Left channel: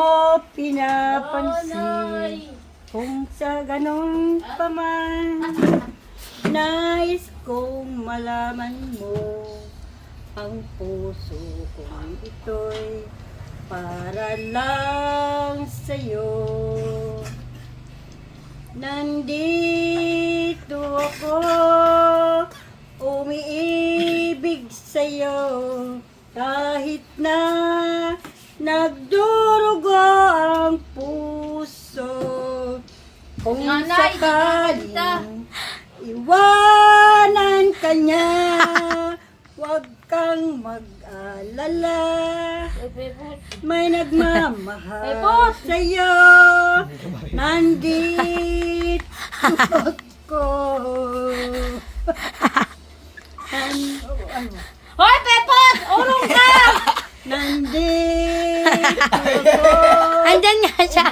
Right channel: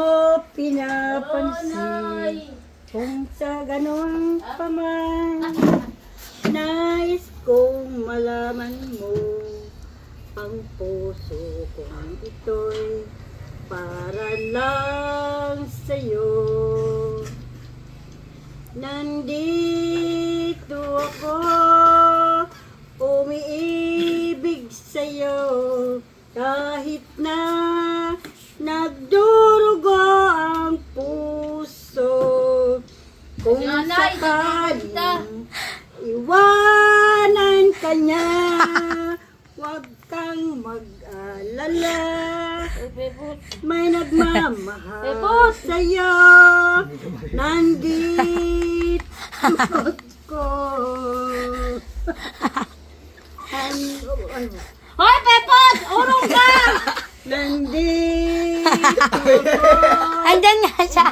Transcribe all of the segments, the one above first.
mo pinapansin. Kung sa ganun pa man, nais kong malaman mo ang puso kong ito'y para lang sa'yo. Nandito ako, umiibig sa'yo, kahit na nagdurugo ang puso. Kung sakaling iwanan ka niya, huwag kang mag-alala. May nagmamahal sa'yo. Nandito ko. Hoy, Pepot! Urong ka! Nandito ko. Andyan nga siya.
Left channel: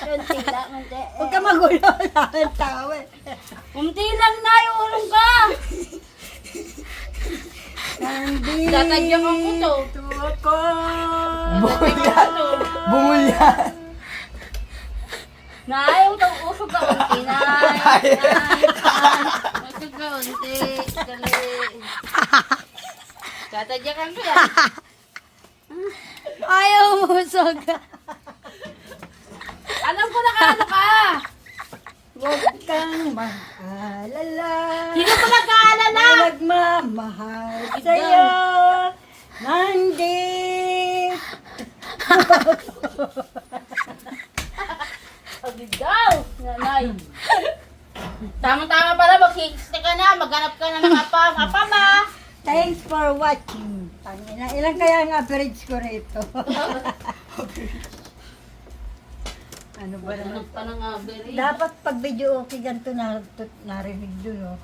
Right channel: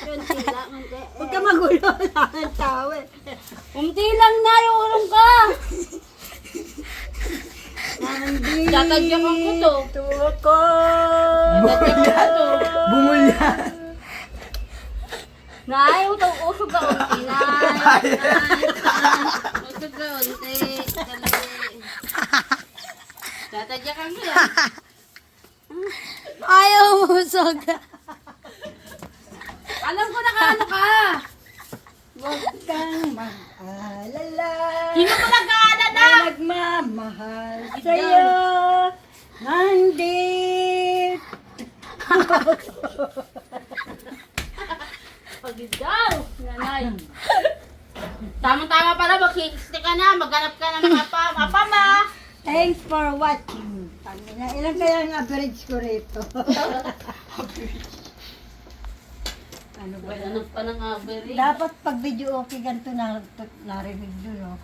Kunti lang, kunti. Huwag ka magulo lang ang tawa. Kunti lang na, urong ka! Nandito Tatadyakan ko to. ko. Bungol yan. Nay, usog ka unti, nay. Usog ka unti. Dali. Tatadyakan ko yan. Ayaw musog. Alam ko na ano ka. Huwag kang maalala. Sino ko nag-aalala? May nagmamahal sa'yo. Nandito. Pagod daw. Nanay. Tama-tama pala, mag-60 ka na, maghanap ka na ng apam. Apam ah! Thanks for watching. Pangina, ilan kaya ang average ko rito? Ano ba naman? Hanap pa ng average. Dapat pag video okay ganito narinig doon, no?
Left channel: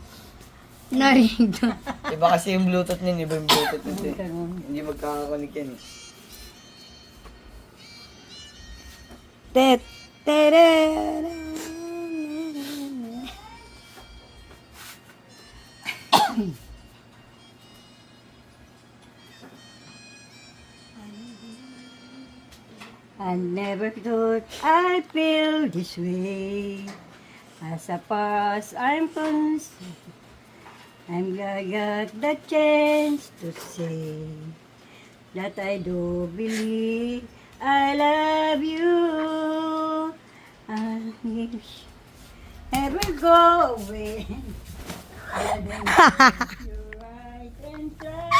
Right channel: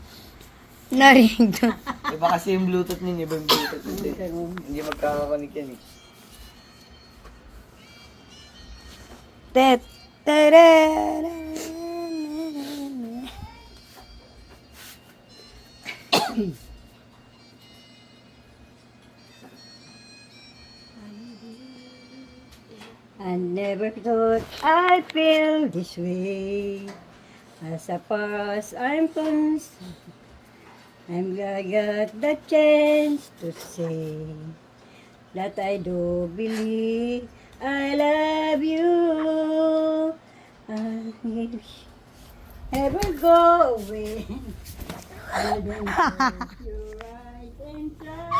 Narinig doon. Iba kasi yung Bluetooth niya, iba yung Bluetooth niya. Ganun. Hindi magkakakonik yan eh. Tet. Tere. I never thought I'd feel this way. As a past, I'm concerned. I got the chance to say that I do believe I love you. I never go away. I don't want you right inside.